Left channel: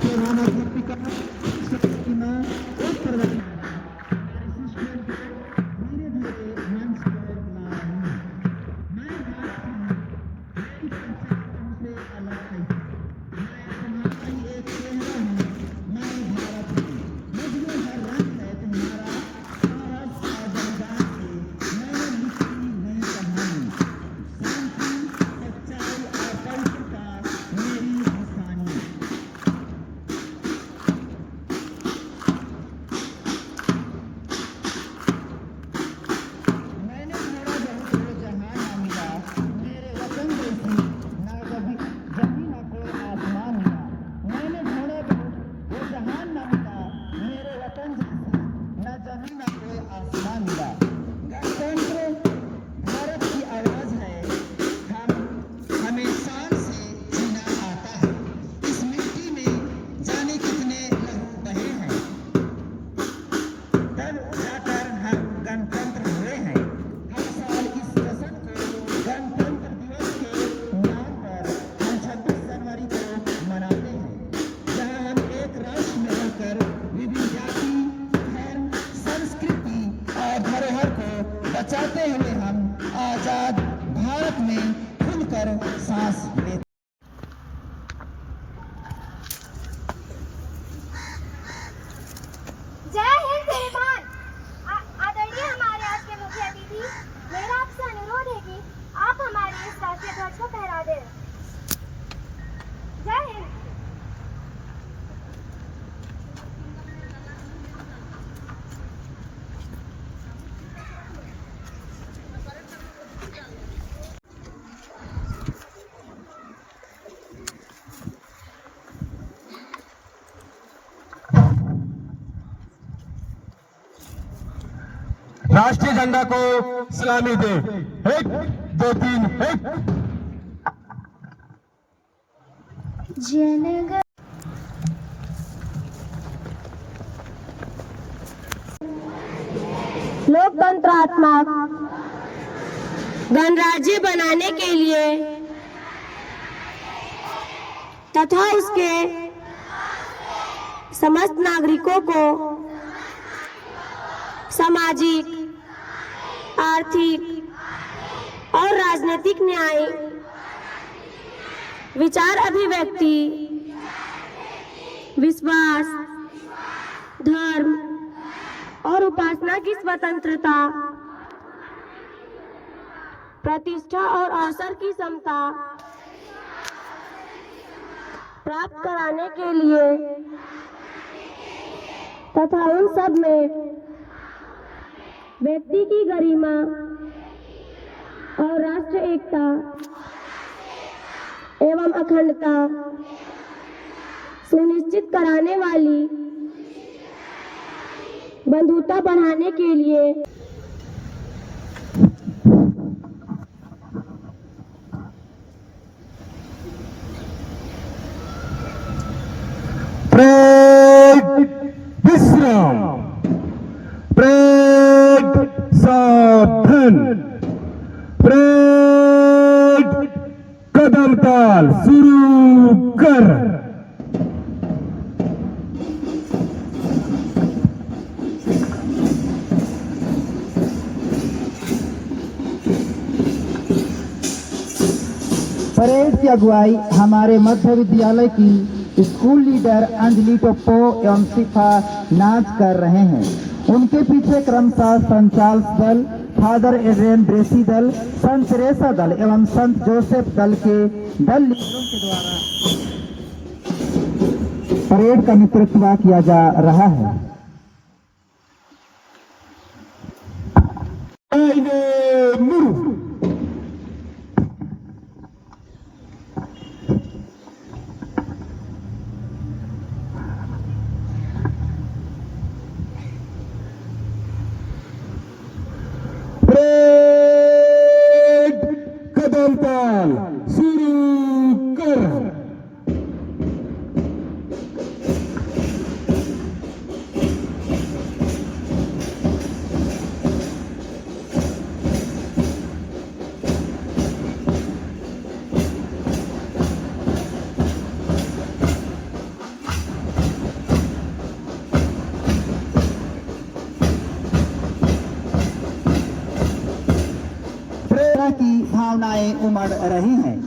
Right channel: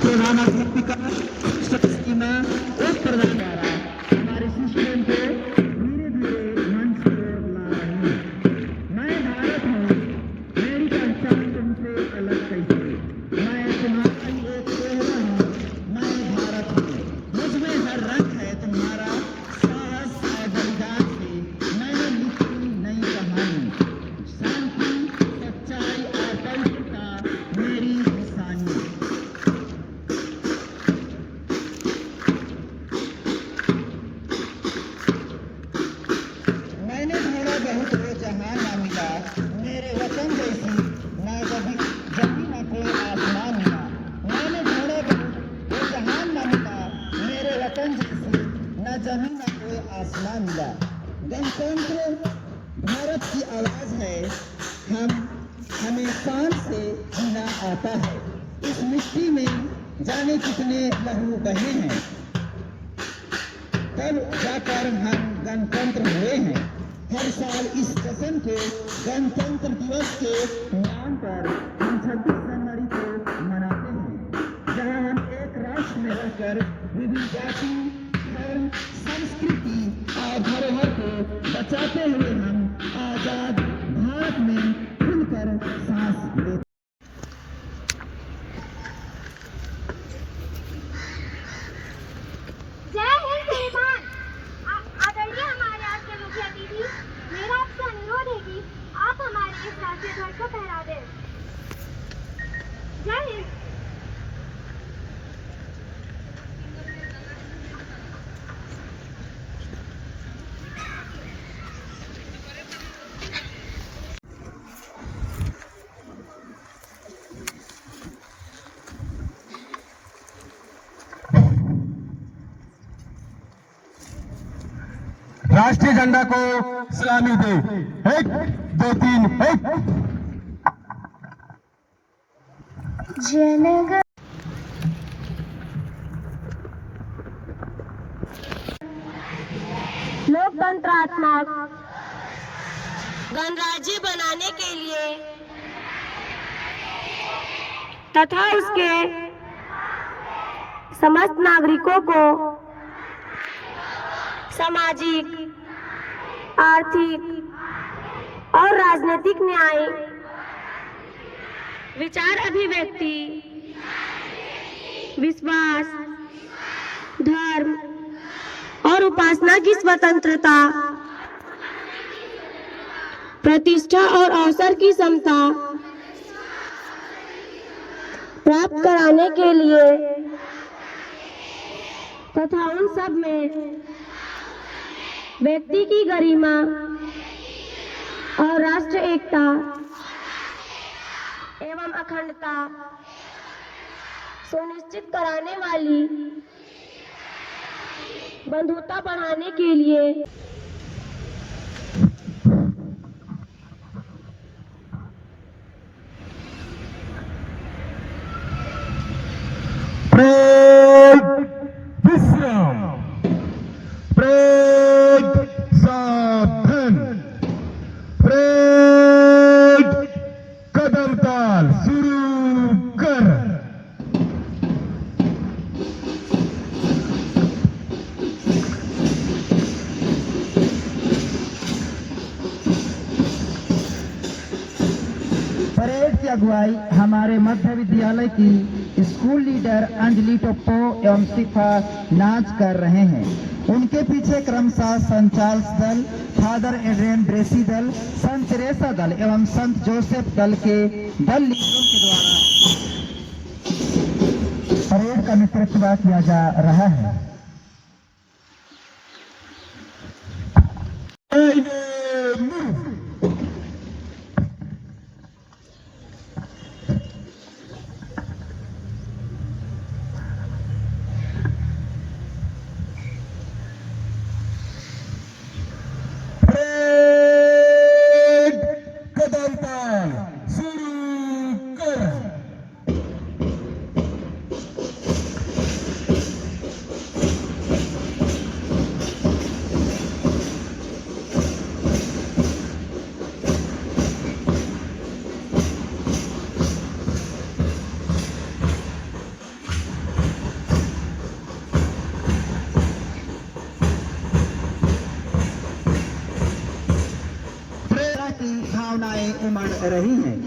प्रधानाध्यापिका की मां एक प्रधान द्वारा हमारे शिष्यों को धीरे धीरे मंच पर ला रही है। मैं भारत हूँ, मेरी पहचान तुमसे अलग कैसे? मैं तुम्हारा ही एक चेहरा हूँ, मैं भारत हूँ। मुझ में हर रंग है तुम्हारा, साहस और बलिदान की मैंने लिखी नई कहानी। शांति, सच्चाई और पवित्रता मेरी निशानी। मैंने ढूंढा बहुत वो जहां ना मिला, मेरे वचन जैसी ना जभी जभी न कोई आसमान मिला। मैंने ढूंढा बहुत वो जहां ना मिला, मेरे वतन जैसी न जभी न कोई आसमान मिला। गणतंत्र भारत की आवाज है, हमें शान से जीना आता है। इस मिट्टी में जाने कितने लहू बहे हैं, तब जाकर हम गणतंत्र हुए हैं। हर साल इस जश्न को गणतंत्र दिवस के नाम पर हम 26 जनवरी को मनाते हैं, जहां हम एक राष्ट्र में रहकर विभिन्न जाति, धर्म, संस्कृति और धरोहर को बचाते हुए हम आजाद भारत में खुलकर सांस लेते हैं। जय हिंद मेहमान। आदरणीय हमारे आज के मुख्य अतिथि, मेरा आपसे अनुरोध है कि आप हमारे इस राष्ट्रीय ध्वज को फहरा दें। जय हिंद। राष्ट्रीय झंडा को सलामी दे। 1 2 3 1। जनगण लोकतंत्रात्मक गणराज्य बनाने के लिए तथा इसके समस्त नागरिकों को सामाजिक, आर्थिक और राजनीतिक न्याय, विचार अभिव्यक्ति, विश्वास, धर्म और उपासना की स्वतंत्रता, प्रतिष्ठा और अवसर की समता प्राप्त कराने के लिए तथा उन सब में व्यक्ति की गरिमा और राष्ट्र एकता एवं अखंडता सुनिश्चित कराने वाली बंधुता बढ़ाने के लिए विश्राम, परेड साधन, परेड कदम ताल शुरू कर। परेड की अगुवाई हमारे मध्य विद्यालय की स्कूल लीडर अंजलि टोप्पो एवं शिफा नाच कर रहे हैं। उनके पीछे क्रमशः संत चार्ल्स दल, फादर एड्रियन ब्रेसी दल, संत तेरेसा दल एवं संत जोसेफ दल के दल लीडरों के द्वारा परेड का नेतृत्व किया जा रहा है। कदम ताल शुरू कर। भावनाएं उमड़ रही हैं,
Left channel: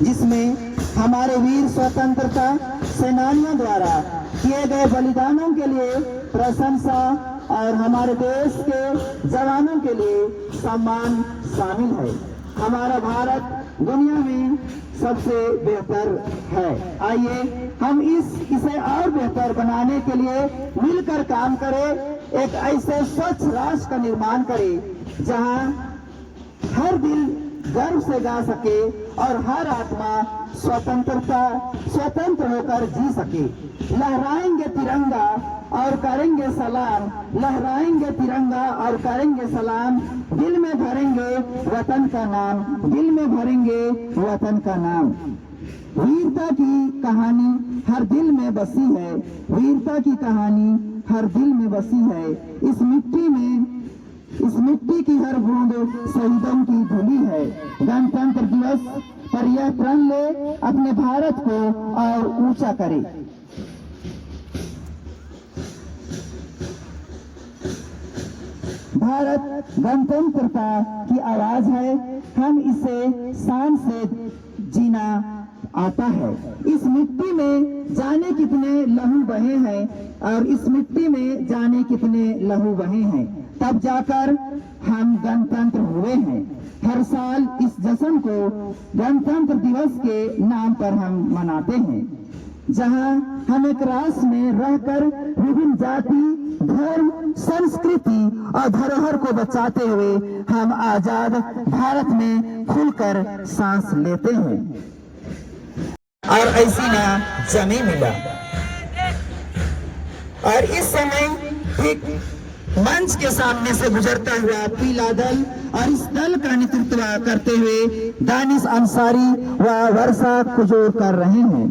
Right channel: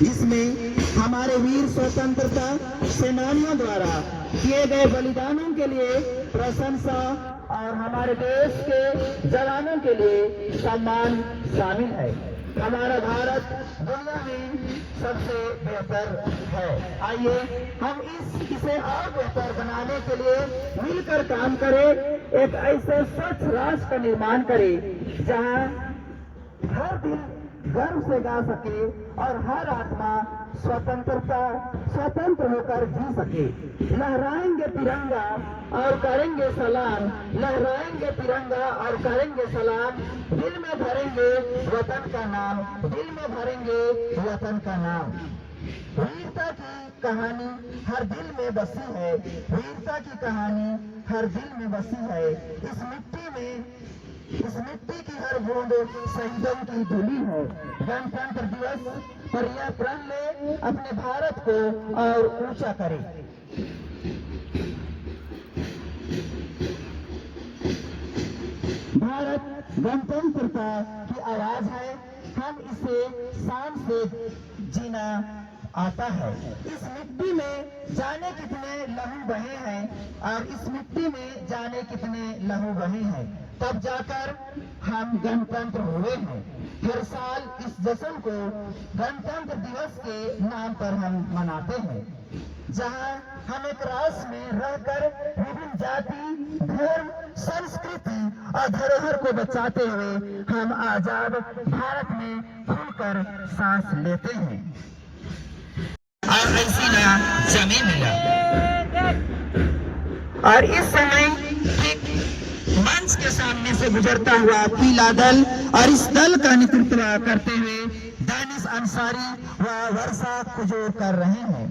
जिसमें हमारे वीर स्वतंत्रता सेनानियों द्वारा किए गए बलिदानों के लिए प्रशंसा और हमारे देश के जवानों के लिए सम्मान शामिल है। हमारा भारत दुनिया में सबसे बेहतर है। आइए हम इसे और बेहतर बनाने के लिए मिलकर काम करें। एक ऐसे स्वच्छ राष्ट्र का निर्माण करें जहां हर दिल गर्व से गा सके और हर आत्मा स्वतंत्र होकर जी सके। लहराएंगे तिरंगा और करेंगे सलाम, लहराएंगे तिरंगा और करेंगे सलाम, दिल में भरेंगे वतन का नाम, दिल में भरेंगे वतन का नाम। वीरता की कहानी हर दिल में बसी है, वीरता की कहानी हर दिल में बसी है। इस मिट्टी की हर बूंद शहीदों की धुली है। गणतंत्र दिवस पर यह प्रण ले अपने भारत को और ऊंचा करे। भारत गणतंत्रता की आवाज है, हम इसे शान से जीना आता है। इस मिट्टी में जाने कितने लहू बहे हैं और इस मिट्टी में जाने कितने लहू बहे हैं, तब जाकर हम गणतंत्र हुए हैं। हर साल इस जश्न को गणतंत्र दिवस के नाम पर हम मनाते हैं, जहां हम एक राष्ट्र में रहकर विभिन्न जाति, धर्म, संस्कृति और धरोहर को बचाते हुए हम आजाद भारत में खुलकर सांस लेते हैं। और ऐसी ना जमी मिला। और इस समय एक मंच के सामने से गुजरता हुआ पीला दल और इस दल का नेतृत्व करते हुए दानिश अंसारी व वर्षा कुजूर कर रहे हैं।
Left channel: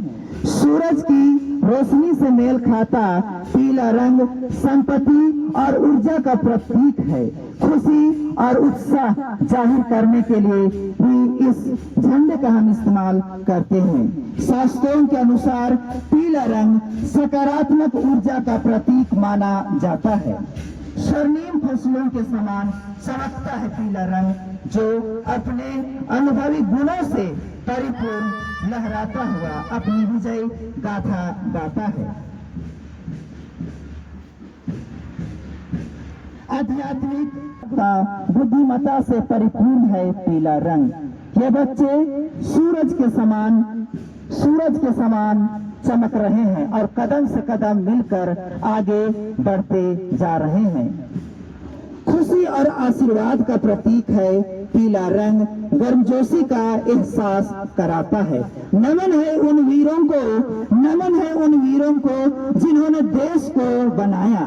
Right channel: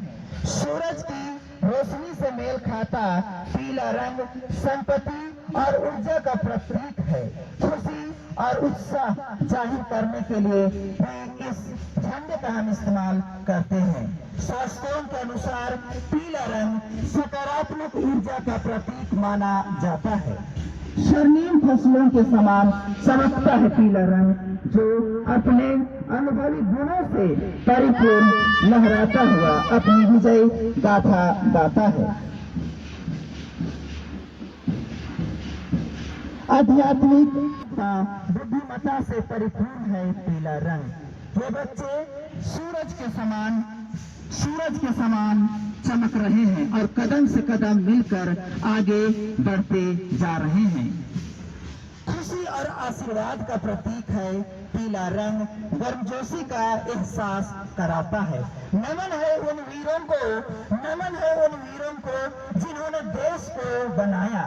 सूरज की रोशनी से मेल खाता पीला रंग संपत्ति और ऊर्जा का प्रतीक है। खुशी और उत्साह जाहिर करने के लिए भी इस झंडे का हम इस्तेमाल करते हैं। शास्त्रों के अनुसार पीला रंग सकारात्मक ऊर्जा का प्रतीक माना जाता है। स्वर्णिम फसलों के समान चमकता है पीला रंग, जो अपने अनुभवी गुणों से परिपूर्ण लहराता हुआ अपनी विजय गाथा गाता है। आध्यात्मिक बुद्धिमत्ता से परिपूर्ण है पीला रंग। ये बच्चे सूरज के समान चमक रहे हैं और कदम से कदम मिलकर आगे बढ़ते जा रहे हैं। खुशी और आशीर्वाद का प्रतीक है पीला रंग, गर्मजोशी का एहसास कराता है। नमन है उन वीरों को जिन्होंने देश को बनाया,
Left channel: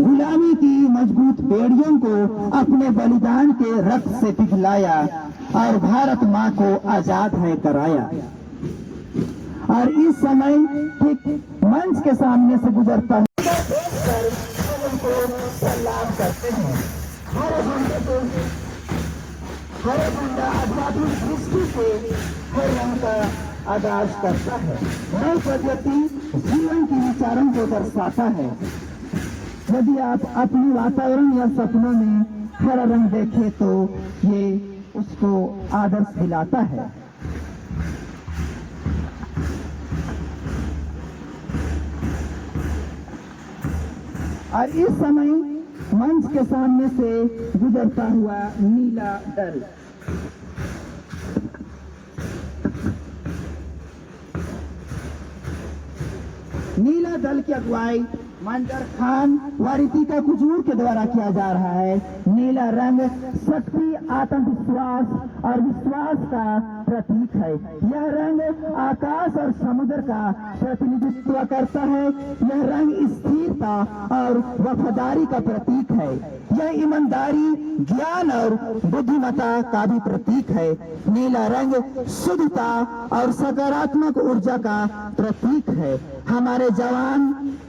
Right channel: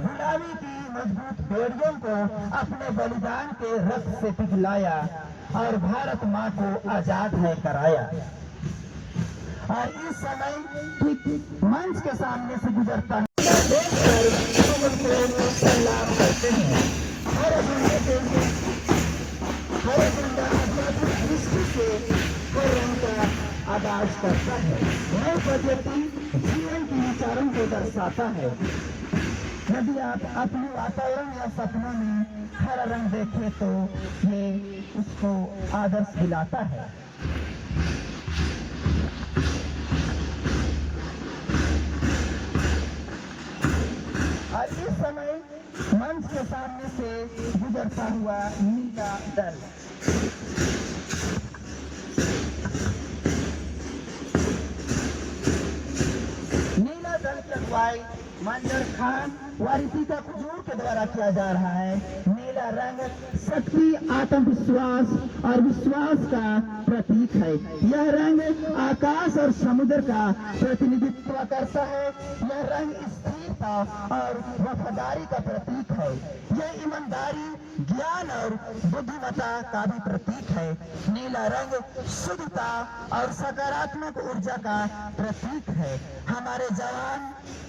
गुलामी की मजबूत बेड़ियों को अपने बलिदान के रक्त से पिघलाया और भारत माँ को आजाद है कराया। और इस समय ठीक मंच के सामने से गुजरता सलाम करते हैं। हर झंडा आध्यात्मिक दृष्टि से हर रंग का आगाज करता है। नए पद्धति जीवन के विचारों को दर्शाता है। यदि आप अपने वातावरण या सपनों में हरा रंग देखें तो ये उसको आदर्श दिलाता है। और इस समय मंच के सामने से गुजरता हुआ नीला दल की अगुवाई मंजर खान व रितिका कुजूर के द्वारा किया जा रहा है। नीला रंग शक्ति, आत्मविश्वास और विश्वास का प्रतीक है। यह रंग आकाश और समुद्र का प्रतिनिधित्व करता है। यह रंग स्थिरता और वफादारी का प्रतीक है। यह ईमानदारी, ज्ञान और बुद्धिमत्ता का भी प्रतीक है। नीला रंग शुद्धता और सकारात्मक ऊर्जा का प्रतीक है। हमारे जवान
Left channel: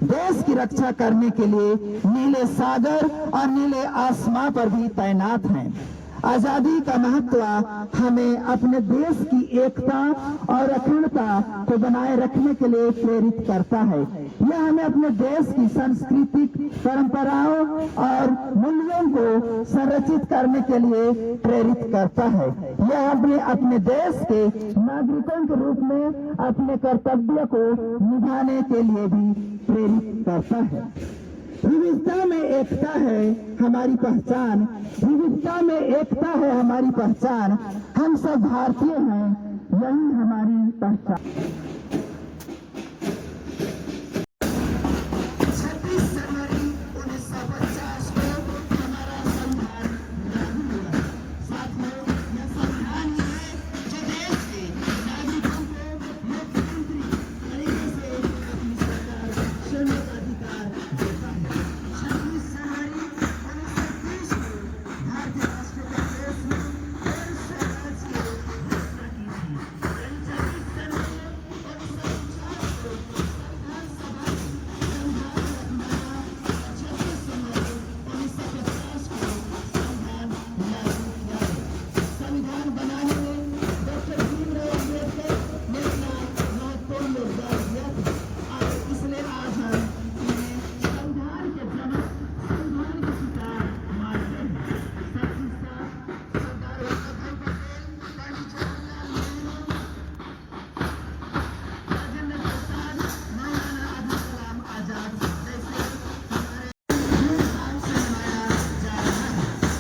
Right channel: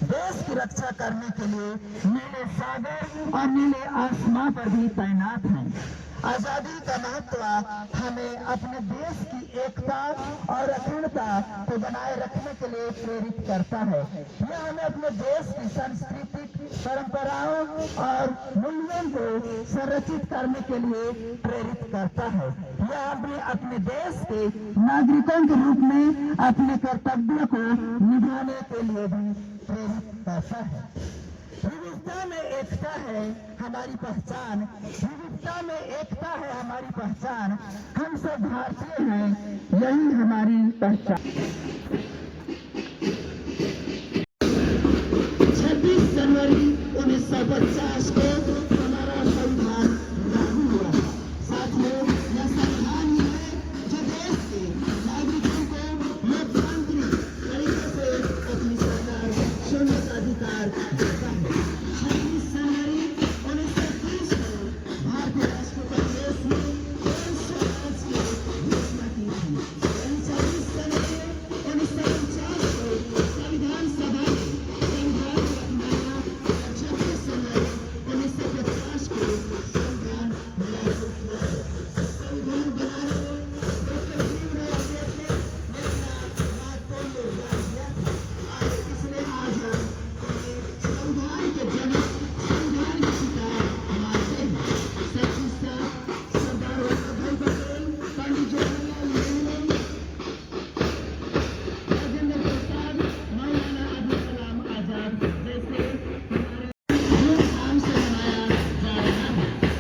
देश की रक्षा करने के लिए नीले सागर और नीले आसमां पर भी तैनात हैं। आजादी का महत्व हमें अपने देश की एकता और अखंडता को बनाए रखने के लिए प्रेरित करता है। यह हमें अपने देश की सांस्कृतिक परंपराओं और मूल्यों को संरक्षित करने के लिए प्रेरित करता है। यह अपने अपने देश के नागरिकों के रूप में अपने कर्तव्य को निभाने के लिए भी प्रेरित करता है। विविधता में एकता है हमारी पहचान, विविधता में एकता है हमारी पहचान। हम सब भारतीय हैं, यही हमारी पहचान। 26 जनवरी 1950 को हमारा संविधान लागू हुआ। साथियों, यह संविधान ही है जो देश के नागरिकों को लोकतांत्रिक तरीके से अपनी सरकार चुनने का अधिकार देता है। 26 जनवरी 1930 को भारतीय राष्ट्र कांग्रेस ने स्वराज की घोषणा की थी। 26 जनवरी 1949 को संविधान सभा ने संविधान बनाने में डॉक्टर भीमराव अम्बेडकर ने अपना महत्वपूर्ण योगदान दिया था और इसलिए आज हम उन्हें संविधान के जनक, संविधान के पिता मानते हैं। सरदार वल्लभ भाई पटेल, पंडित जवाहरलाल नेहरू, राजेंद्र प्रसाद, मौलाना अब्दुल कलाम आजाद जैसे हमारे धूमधाम से मनाया जा रहा है।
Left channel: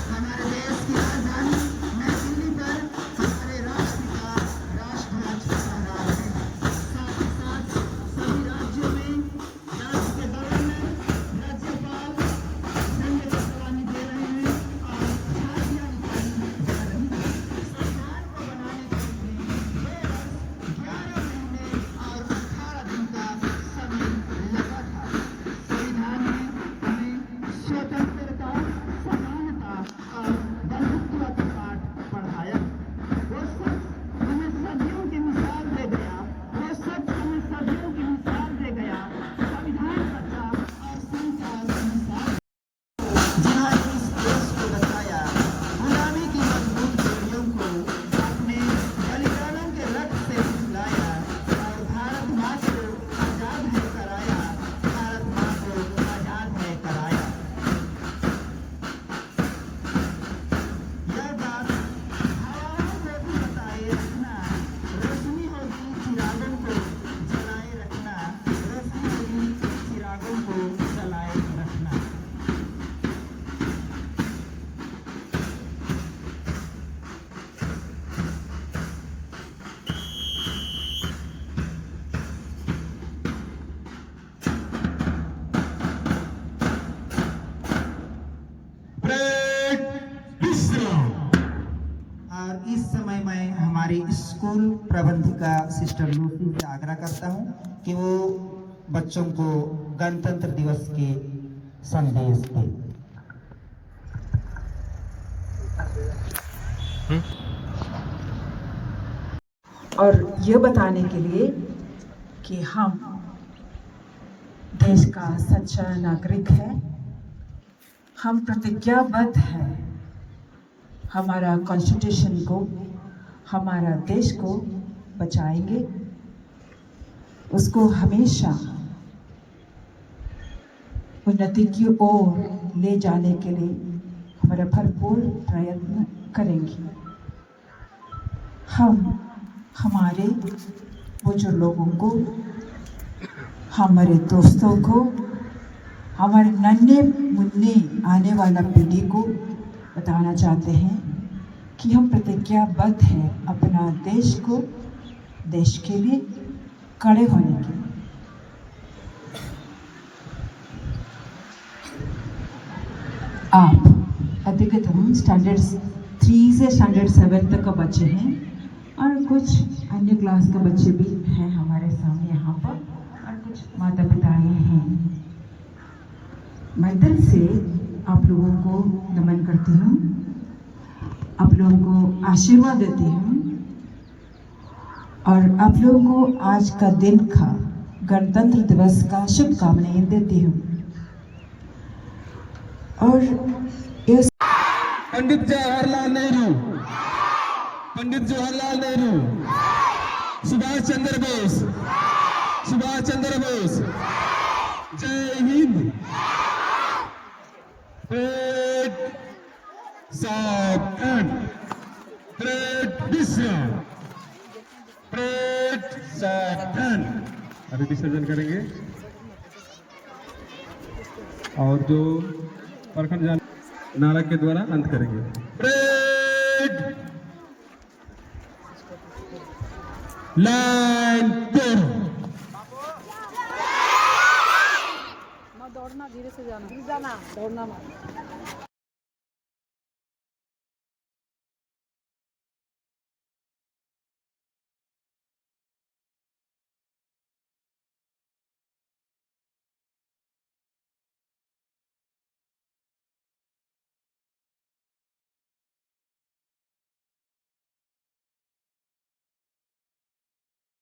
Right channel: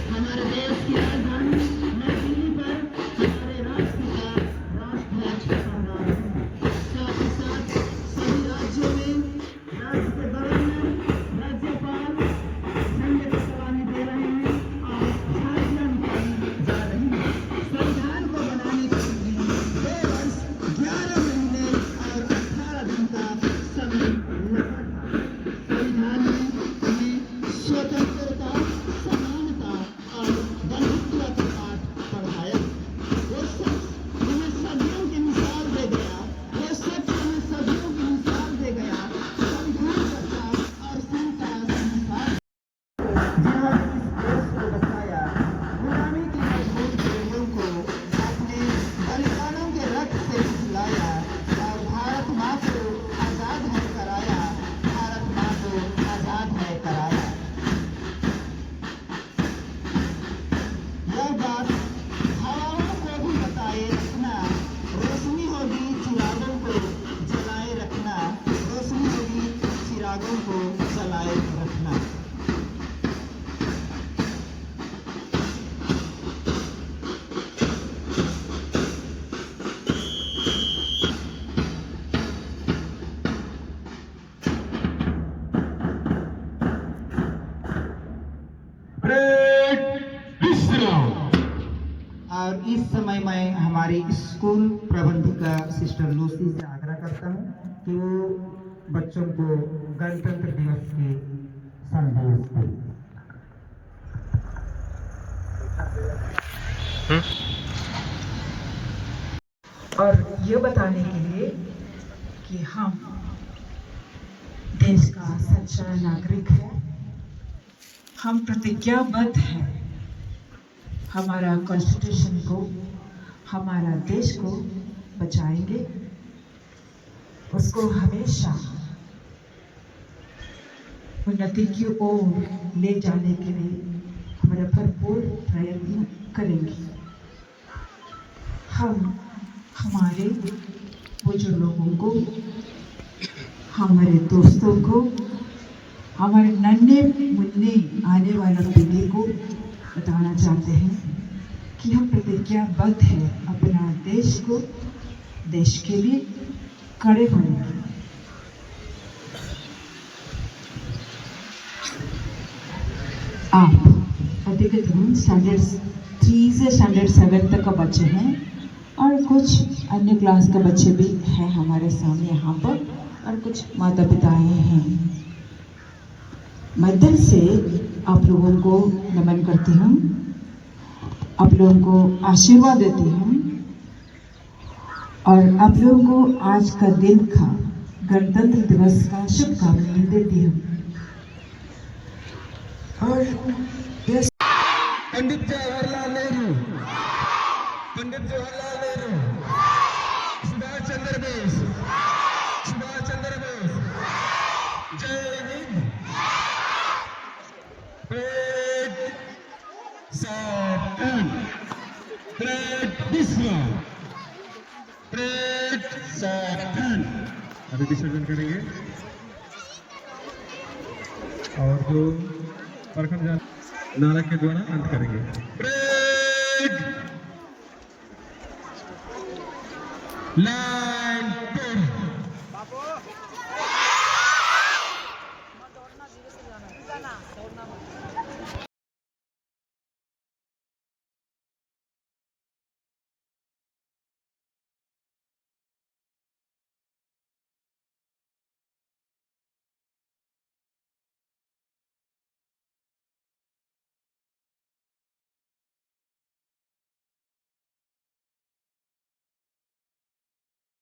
हमारे देश की राजधानी नई दिल्ली पर हमारे राष्ट्रपिता राष्ट्रध्वज फहरा रहे हैं। साथ ही साथ सभी राज्यों में राज्य के गवर्नर, राज्यपाल झंडे को सलामी दे रहे हैं और झांकियां निकाली जा रही हैं। संविधान को बनाने के लिए 2 वर्ष 11 महीने और 18 दिन का समय लगा था। संविधान ने हमें स्वतंत्रता, समानता और बंधुत्व का पाठ पढ़ाया। वो सच हमें सदियों की मिसाल दे गया, वो सच हमें सदियों की मिसाल दे गया। संविधान का और संता संसार जिन्होंने इस देश को बचाया, गुलामी की मजबूत बेड़ियों को अपने बलिदानों के रक्त से खिलाया और भारत माँ को आजाद है कराया, भारत माँ को आजाद है कराया। यह बात हवाओं को भी बताए रखना, रोशनी होगी चिरागों को जलाए रखना, रोशनी होगी चिरागों को जलाए रखना। ब्रेक विश्राम। और इस समय मैं हमारे स्कूल प्रबंधिका सिस्टर लूसी से आग्रह करता हूं कि वो बच्चों को गणतंत्र दिवस के संदेश दें। और ये बताने के लिए कि हम देश का सच्चा नागरिक है, हम प्रतिज्ञाबद्ध हैं हमारा कॉन्स्टिट्यूशन को, हमारा देश को बचाएंगे, उसको हमेशा उन्नति की ओर ले जाने के लिए हमारा भरपूर प्रयत्न करेंगे। हम हमारे बुजुर्ग लोगों को, हमारे दोस्तों को, हमारे नन्हे मुन्ने आने वाला पीढ़ी को बताना चाहते हैं कि हम प्रतिज्ञाबद्ध हैं अपना देश को, देश के लिए खड़े होने के लिए। आप अधिकतम स्टैंडर्ड 3 से स्टैंडर्ड 7 तक का बच्चे हैं और कुछ अन्य क्लास के बच्चे भी हैं हमारे सामने यहाँ पर, और कुछ माता पिताएं हैं। मैं दिल से आप लोगों को नमन करती हूँ, आप लोगों को आशीर्वाद देती हूँ और आप लोगों को आज का दिन का गणतंत्र दिवस का शुभकामनाएं देती हूँ। और पंडित जवाहरलाल नेहरू, पंडित जवाहरलाल नेहरू, सुभाष चंद्र बोस, सुभाष चंद्र बोस, जय हिंद। ब्रेक 7 ब्रेक दूसरा परेड सावधान। अभी विसर्जन करेंगे और जो प्रखंड नारा के द्वारा अंत करेंगे। परेड लाइन पर